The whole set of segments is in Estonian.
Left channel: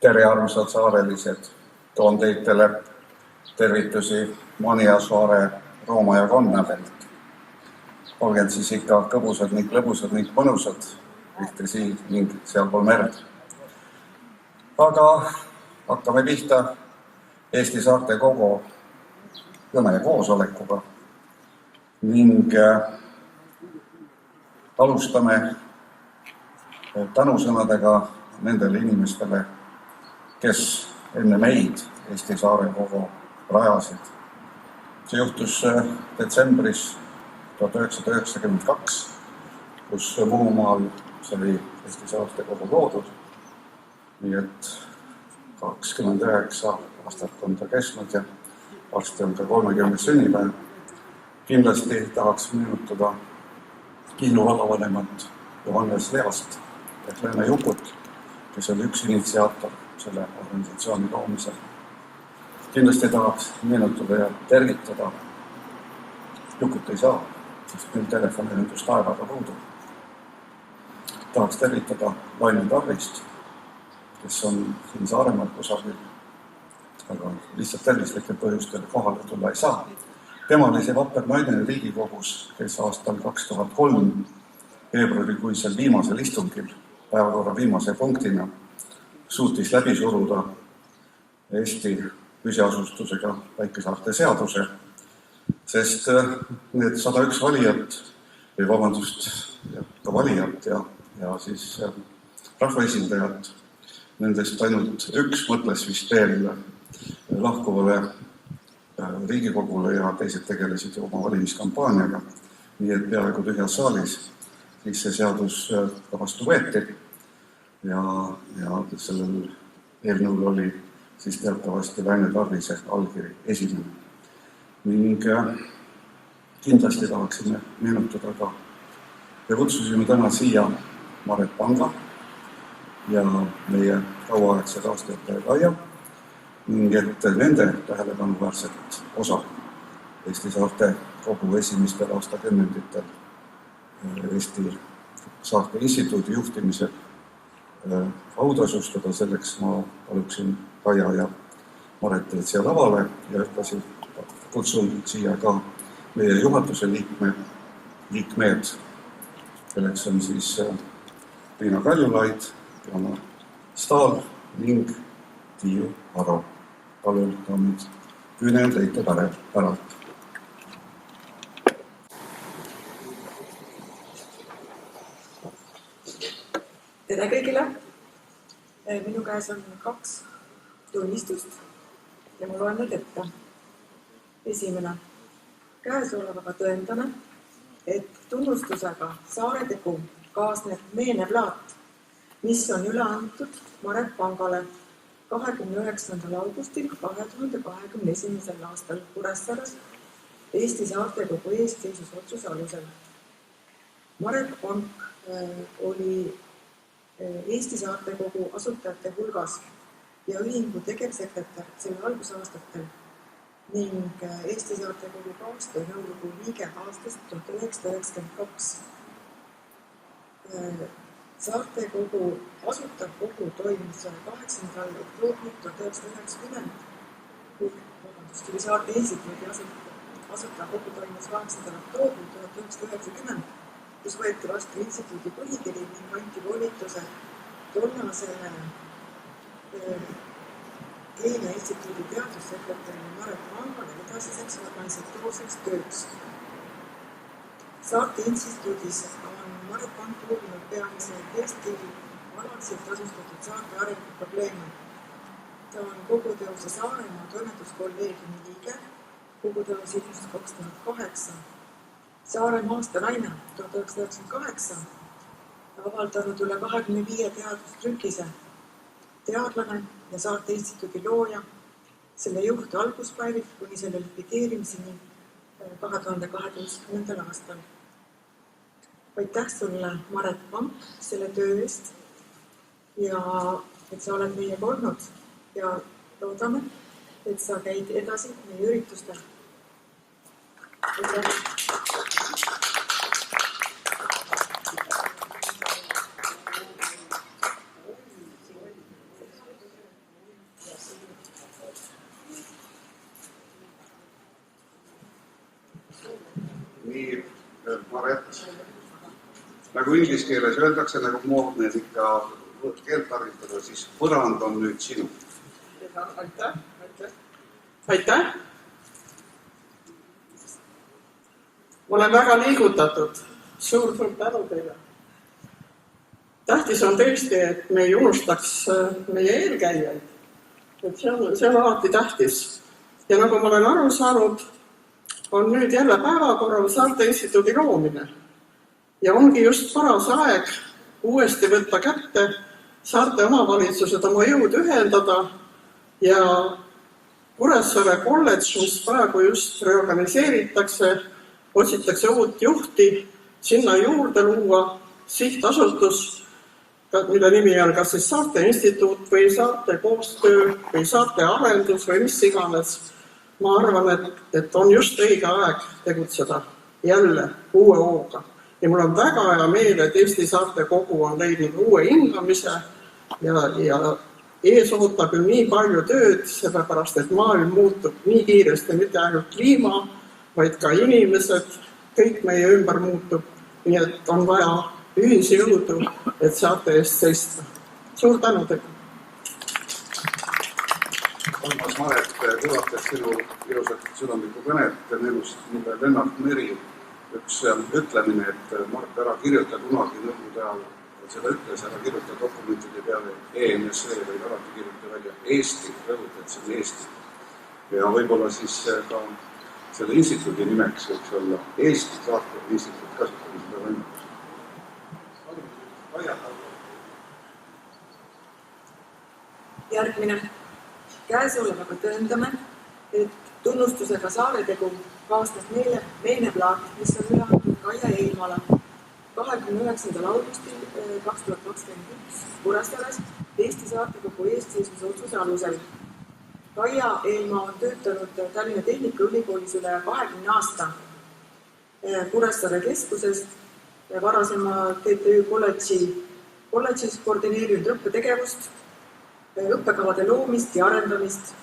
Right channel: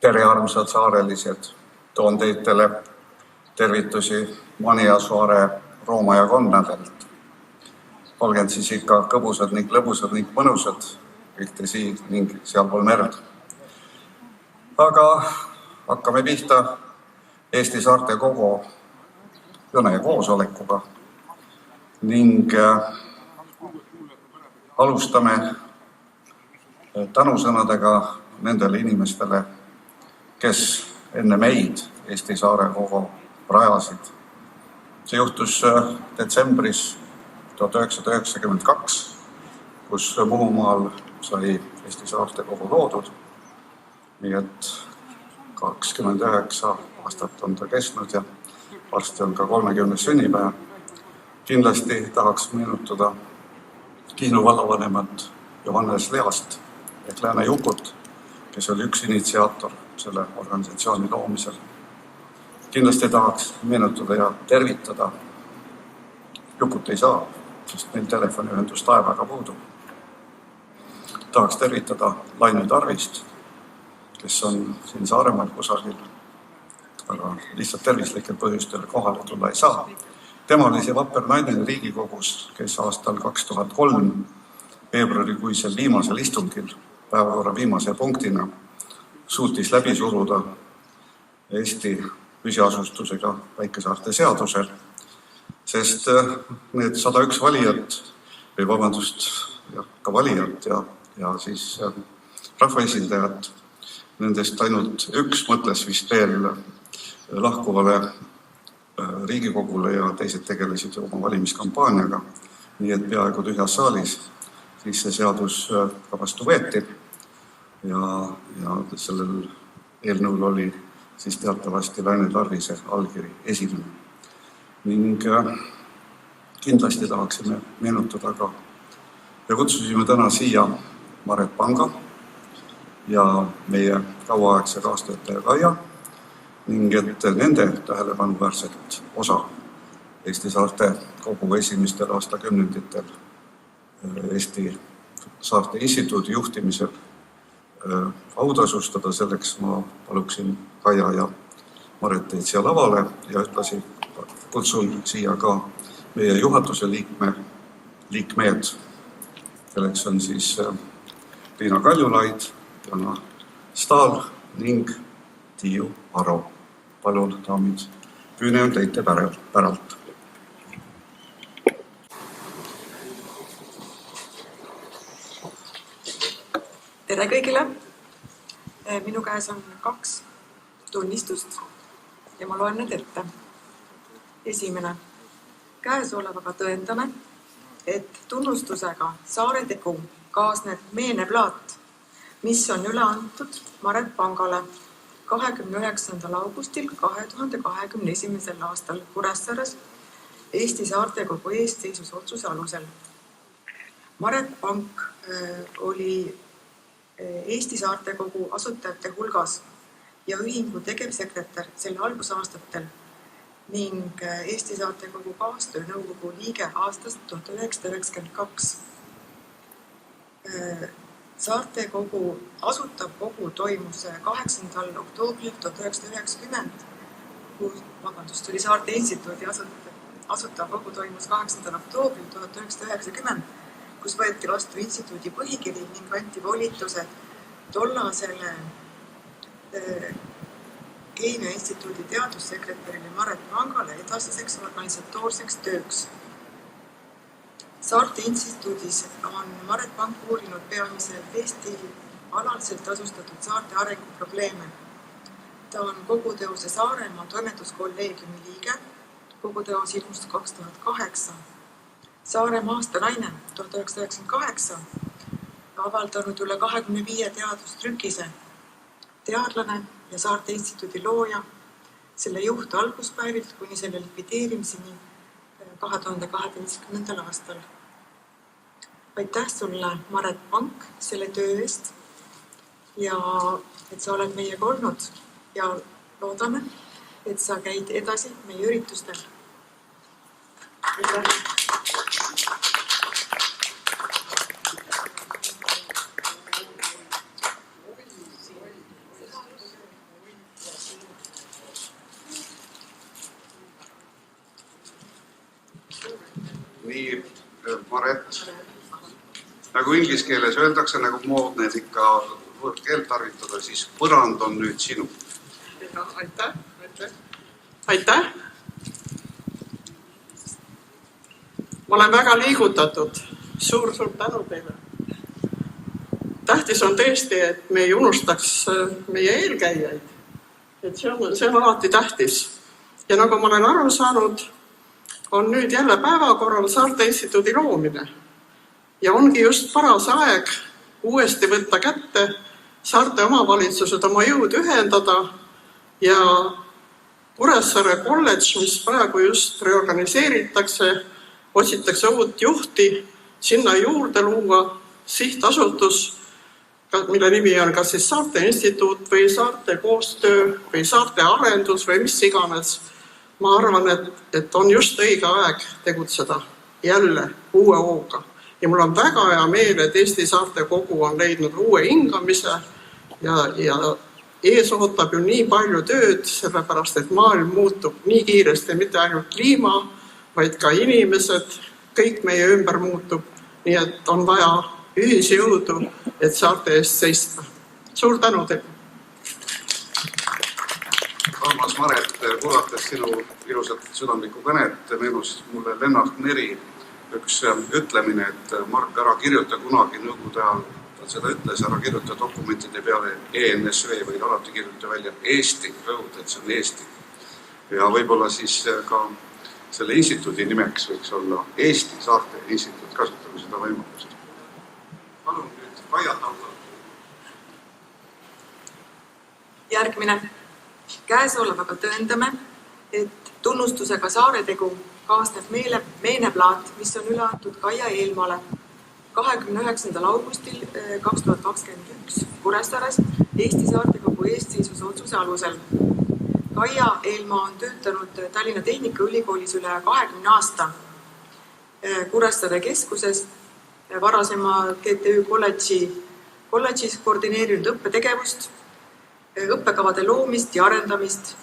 Tere, armsad saarelised! Toon teitele tervitusi Maniasaare Rooma ja Konnavelt. Olged siis ikka kõbusad ning lõbusad ning mõnusad, ühte siin ning sealpool merd. Aga hakkame pihta Eesti Saarte Kogu kõne koosolekuga ning alustame tänusõnadega nendele inimestele, kes enne meid Eesti Saare Kogu rajasid. See juhtus detsembris 1992, kus Muhumaal sai Eesti Saarte Kogu loodud. Nii et 29 aastat on ta kestnud ja varsti on ka 30. sünnipäev. Kindlasti tahaks meenutada Kihnu vallavanemat Johannes Least ehk Lääne Jukut, kes oli üks initsiaator selle organisatsiooni loomisel. Kindlasti tahaks meenutada ja tervitada. Jukut ei saa, sest meil telefoniühendus taevaga puudub. Tahaks tervitada Laine Tarvist, kes on siin Saaremaal kusagil, aga lihtsalt tervislikel põhjustel kohale tulla ei saa. Tema oli see vapper naine Riigikogus, kes aastal 2003 veebruarikuisel viimasel istungil päevakorra viimase punktina suutis läbi suruda Eesti püsiasustusega Väike-Saarte seaduse, sest need 101 valijat, või vabandust, ka valijat ja siis rahvaesindajat, nendest ainult üks mõtles vist veel lahkuvale Riigikogule ja teised tegelesid oma valimiskampaaniaga, nii et peaaegu tühjas saalis siis see seadus ka vastu võeti ja sellel eelnõul oli siis teatavasti Laine Tarvise allkiri esimene. Ning kindlasti tahaksime meenutada ka ja kutsusime täna siia Maret Panga ja meie kauaaegse kaastöötaja Kaia, ning et nende tähelepanuväärset osa Eesti Saarte Kogu esimestel aastakümnenditel Eesti Saarte Instituudi juhtimisel autasustada, selleks ma paluksin Kaia ja Mareteid siia lavale ja ühtlasi kutsun siia ka meie juhatuse liikmed, kelleks on siis Liina Kaljulaid, Jana Stahl ning Tiiu Aro. Palun, daamid, küüne on teite päralt. Tere kõigile! Minu käes on 2 tunnistust ja ma loen need ette. Esimene. Käesolevaga tõendame, et tunnustusega Saare Tegu kaasneb meeneplaat, mis on üle antud Maret Pangale 29. augustil 2021. aastal Kuressaares Eesti Saarte Kogu eestseisus alusel. Maret Pank oli Eesti Saarte Kogu asutajate hulgas ja ühingu tegevsekretär selle algusaastatel ning Eesti Saarte Kogu kaastöönõukogu liige aastast 1992. Saarte Kogu asutav kogu toimus 8. oktoobril 1990, oli Saarte Instituudi asutav kogu toimus 8. oktoobril 1990, kus võeti vastu instituudi põhikiri ning anti volitused tollasele Keemia Instituudi teadussekretärile Maret Pangale edasiseks organisatoorseks tööks. Saarte Instituudis on Maret Pank uurinud peamiselt Eesti alaliselt asustatud saarte arenguprobleeme. Ta on koguteose Saaremaa toimetuskolleegiumi liige kogu teos ilmus 2008. Saaremaa aastanaine 1998, avaldanud üle 25 teadustrükise, teadlane ja Saarte Instituudi looja, selle juht alguspäevilt kuni selle likvideerimiseni 2012. aastal. Aitäh sulle, Maret Pank, selle töö eest ja et sa oled meiega olnud ja loodame, et sa käid edasi meie üritustel. Nii, Maret, nagu inglise keeles öeldakse, nagu moodne ikka võõrkeelt tarvitada, siis põrand on nüüd sinu. Aitäh. Ma olen väga liigutatud. Suur tänu teile. Tähtis on tõesti, et me ei unustaks meie eelkäijaid. Et see on alati tähtis. Ja nagu ma olen aru saanud, on nüüd jälle päevakorral Saarte Instituudi loomine. Ja ongi just paras aeg uuesti võtta kätte Saarte omavalitsused oma jõud ühendada ja Kuressaare kolledž, mis praegu just reorganiseeritakse, otsitakse uut juhti, sinna juurde luua sihtasutus, mille nimi on kas siis Saarte Instituut või Saarte koostöö või Saarte arendus või mis iganes. Ma arvan, et on just õige aeg tegutseda jälle uue hooga. Ja mul on väga hea meel, et Eesti Saarte Kogu on leidnud uue hingamise ja ees ootab ju nii palju tööd, sellepärast et maailm muutub nii kiiresti, mitte ainult kliima, vaid ka inimesed, kõik meie ümber muutub. Nii et on vaja ühisjõudu, et Saarte eest seista. Suur tänu teile! Armas Maret, kuulates sinu ilusat südamlikku kõnet, meenus mulle Lennart Meri üks ütlemine, et Mark, ära kirjuta kunagi nõukogude ajal, ta seda ütles, ära kirjuta dokumentide peale ENSV, vaid alati kirjuta välja Eesti, rõhud, et see on Eesti. Ja võib-olla siis ka selle instituudi nimeks võiks olla Eesti Saarte Instituut, kasutame seda võimalust. Palun nüüd Kaia Tallo. Järgmine. Käesolevaga tõendame, et tunnustusega Saaretegu kaasneb meeneplaat, mis on üle antud Kaia Eelmaale 29. augustil 2021 Kuressaares Eesti Saarte Kogu eestseisvuse otsuse alusel. Kaia Eelmaa on töötanud Tallinna Tehnikaülikoolis üle 20 aasta Kuressaare keskuses, varasema GTÜ kolledžis koordineerinud õppetegevust, õppekavade loomist ja arendamist.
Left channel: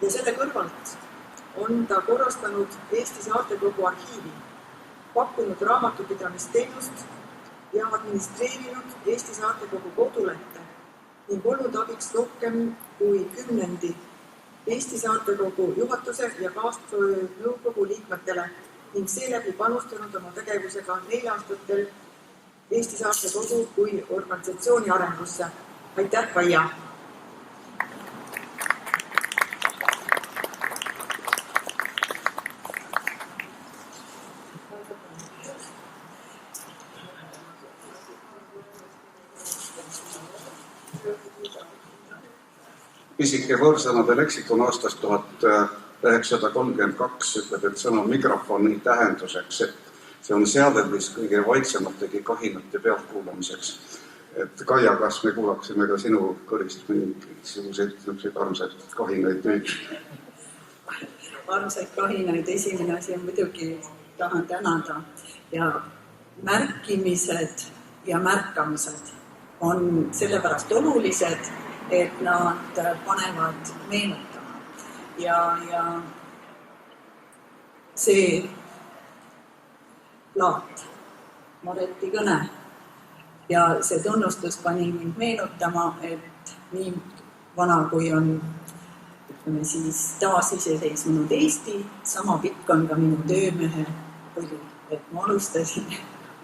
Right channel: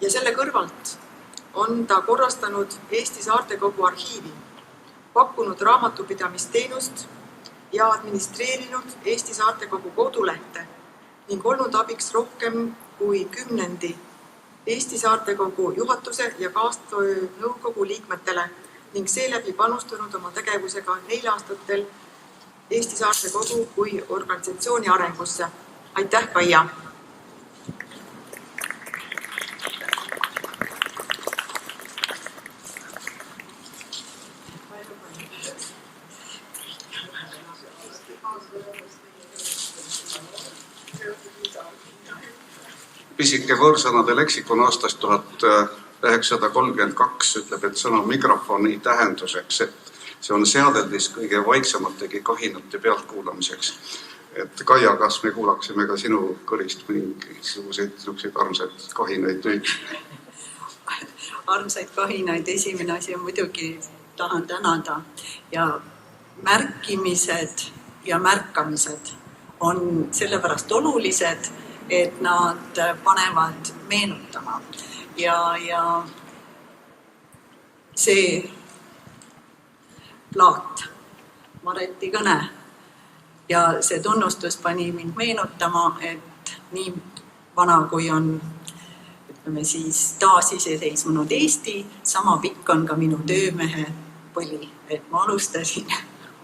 Ja selle kõrvalt on ta korrastanud Eesti Saarte Kogu arhiivi, pakkunud raamatupidamisteenust ja administreerinud Eesti Saarte Kogu kodulehte ning olnud abiks rohkem kui 10 Eesti Saarte Kogu juhatuse ja kaastöö nõukogu liikmetele ning seeläbi panustanud oma tegevusega 4 aastatel Eesti Saarte Kogu kui organisatsiooni arengusse. Aitäh, Kaia! Pisike võõrsõnade leksikon aastast 1932 ütleb, et sõna mikrofoni tähenduseks, et see on seadeldis kõige vaiksemategi kahinate pealtkuulamiseks. Et Kaia, kas me kuulaksime ka sinu kõrist mingisuguseid armsaid kahinaid nüüd? Armsaid kahinaid esimene asi on muidugi tahan tänada ja märkimised ja märkamised on sellepärast olulised, et nad panevad meenutama ja see plaat, Mareti kõne ja see tunnustus pani mind meenutama, et nii vana kui on siis taasiseseisvunud Eesti, sama pikk on ka minu töömehe põli, et ma alustasin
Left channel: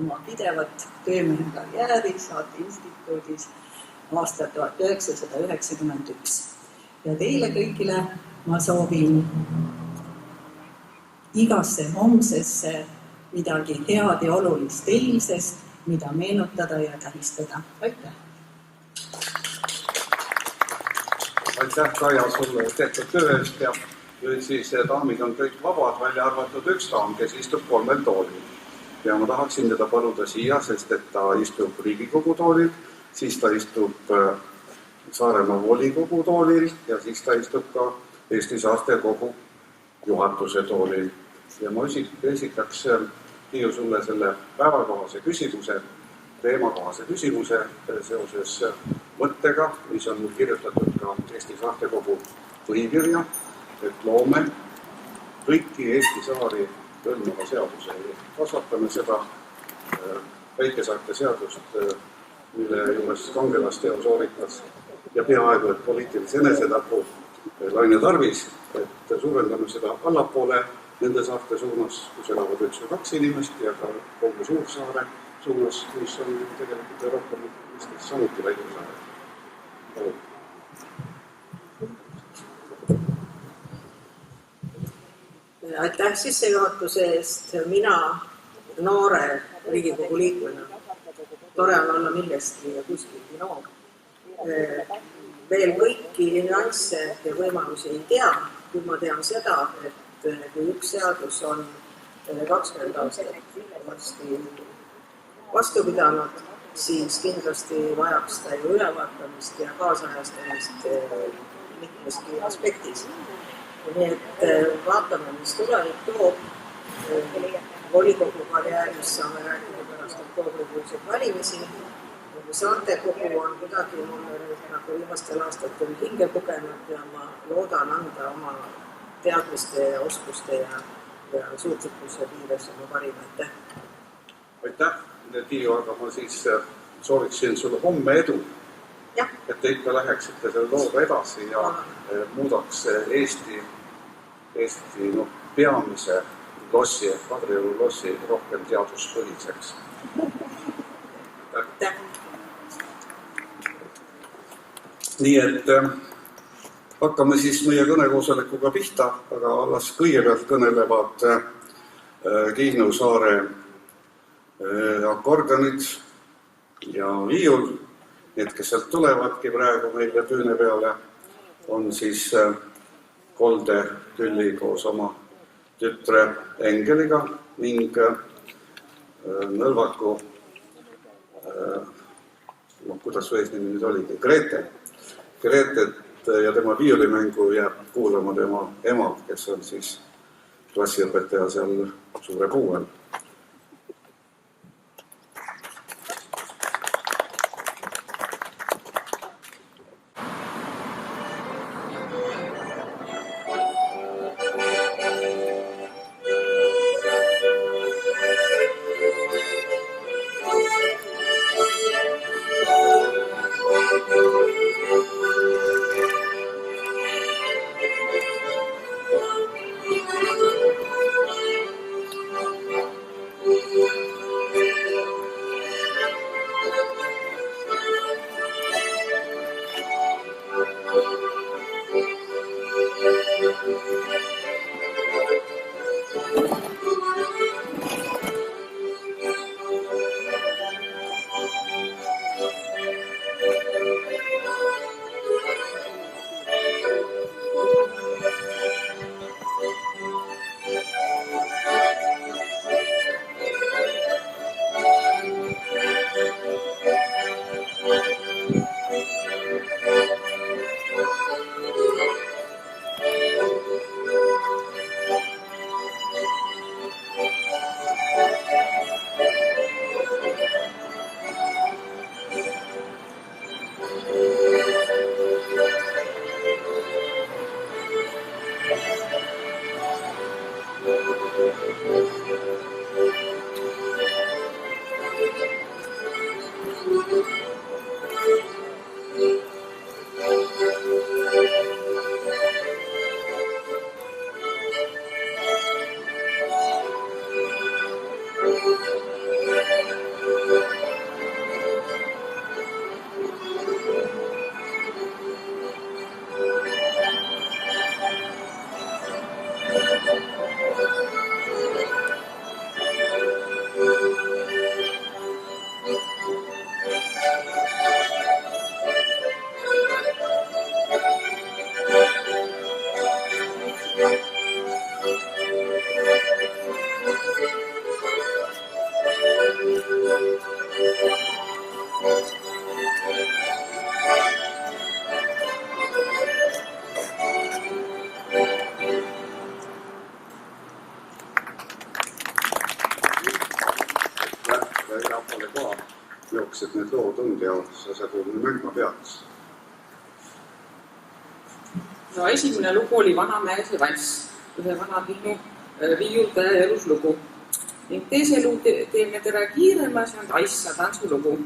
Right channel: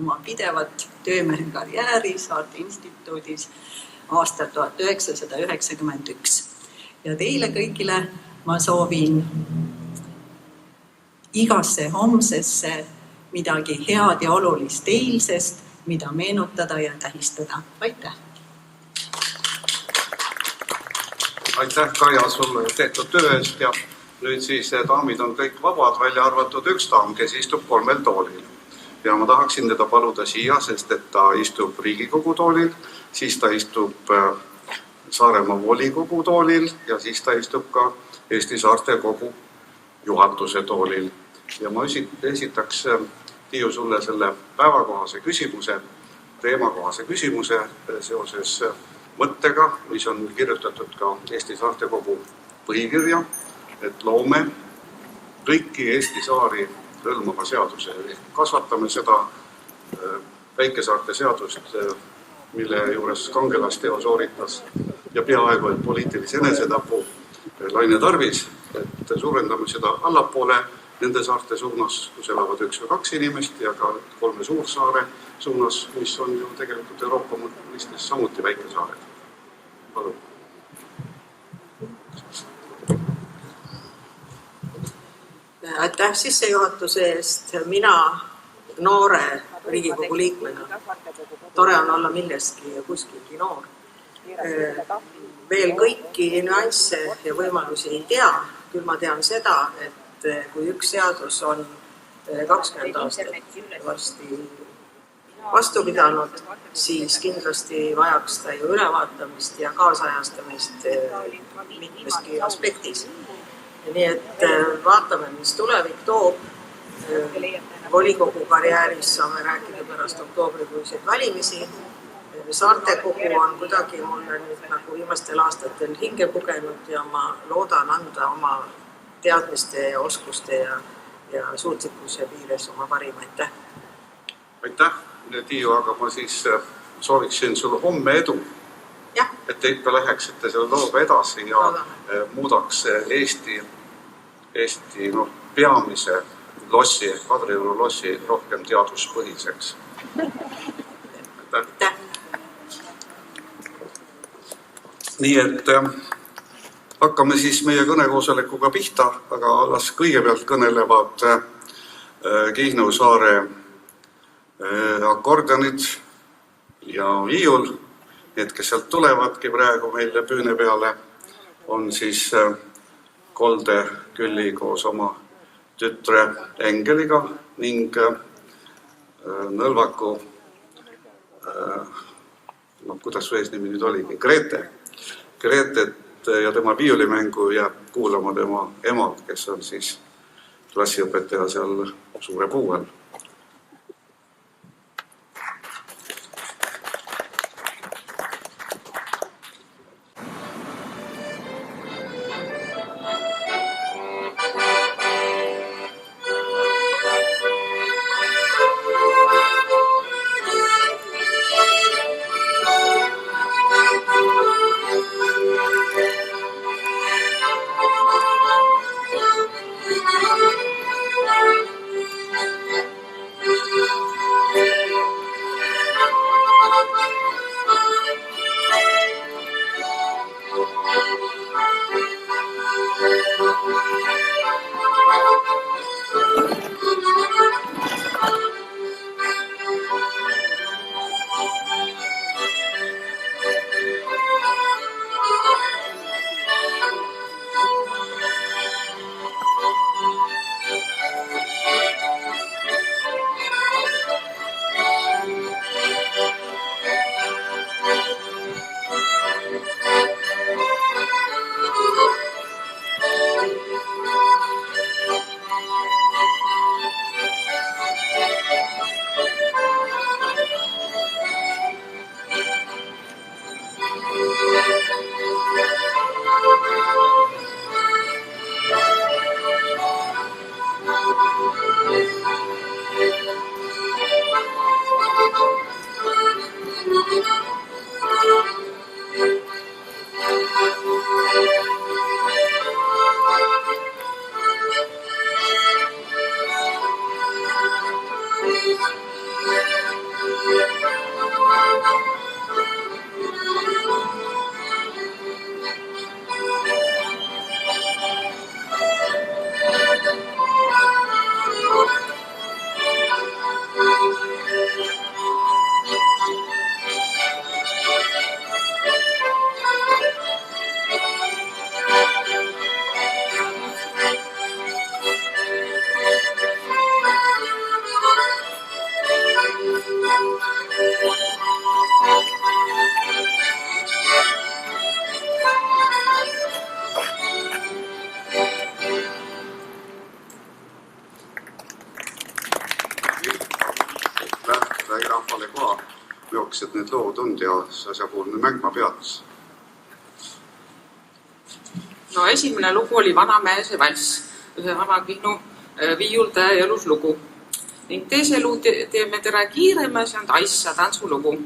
oma pidevat töömehe karjääri Saarte Instituudis aastal 1991. Ja teile kõigile ma soovin igasse homsesse midagi head ja olulist eilsest, mida meenutada ja tähistada. Aitäh! Aitäh, Kaia, sulle tehtud töö eest ja nüüd siis daamid on kõik vabad, välja arvatud üks daam, kes istub 3 toolil. Ja ma tahaksin teda paluda siia, sest et ta istub Riigikogu toolil, siis ta istub Saaremaa volikogu toolil ja siis ta istub ka Eesti Saarte Kogu juhatuse toolil. Ja ma esitaks, Tiiu, sulle selle päevakohase küsimuse, teemakohase küsimuse seoses mõttega, mis on kirjutatud ka Eesti Saarte Kogu põhikirja, et loome kõiki Eesti saari hõlmava seaduse. Kasvatame seda väikesaarte seadust, mille juures kangelasteo sooritas ja peaaegu et poliitilise enesetapu Laine Tarvis, et suurendame seda allapoole nende saarte suunas, kus elavad 1 või 2 inimest ja ka 3 suursaare suunas, mis on ju tegelikult Euroopa mõistes samuti väikesaared. Palun. Aitäh sissejuhatuse eest. Mina noore Riigikogu liikmena, tore on olla millestki ja kuskilgi noor, veel kõiki nüansse ja võimalusi ei tea, küll ma tean seda, et kui üks seadus on 20 aastat varsti vastu pidanud, siis kindlasti vajaks ta ju ülevaatamist ja kaasajastamist mitmeski aspektis. Nii et vaatame, mis tulevik toob. Volikogu karjääris saame rääkida pärast oktoobrikuiseid valimisi. Saarte Kogu on kuidagi mulle nüüd nagu viimastel aastatel hinge pugenud ja ma loodan anda oma teadmiste ja oskuste ja suutlikkuse piires oma parima. Aitäh! Aitäh, Tiiu, aga ma siis sooviksin sulle homme edu. Et te ikka läheksite selle looga edasi ja muudaks Eesti peamise lossi, Kadrioru lossi rohkem teaduspõhiseks. Aitäh! Nii et hakkame siis meie kõnekoosolekuga pihta, aga alles kõigepealt kõnelevad Kihnu saare akordionid ja viiul. Need, kes sealt tulevadki praegu meile püüne peale, on siis Kolde Külli koos oma tütre Engeliga ning Nõlvaku, kuidas su eesnimi nüüd oligi, Gretet ja tema viiulimängu jääb kuulama tema ema, kes on siis klassiõpetaja seal Suure Puuel. rahvale ka, millised need lood on ja see asjapoolne mängma peaks? No esimene lugu oli Vanamäese vass, ühe vana Kihnu viiuldaja eluslugu. Ning teise luu teeme tere kiirema, see on Taissa tantsulugu.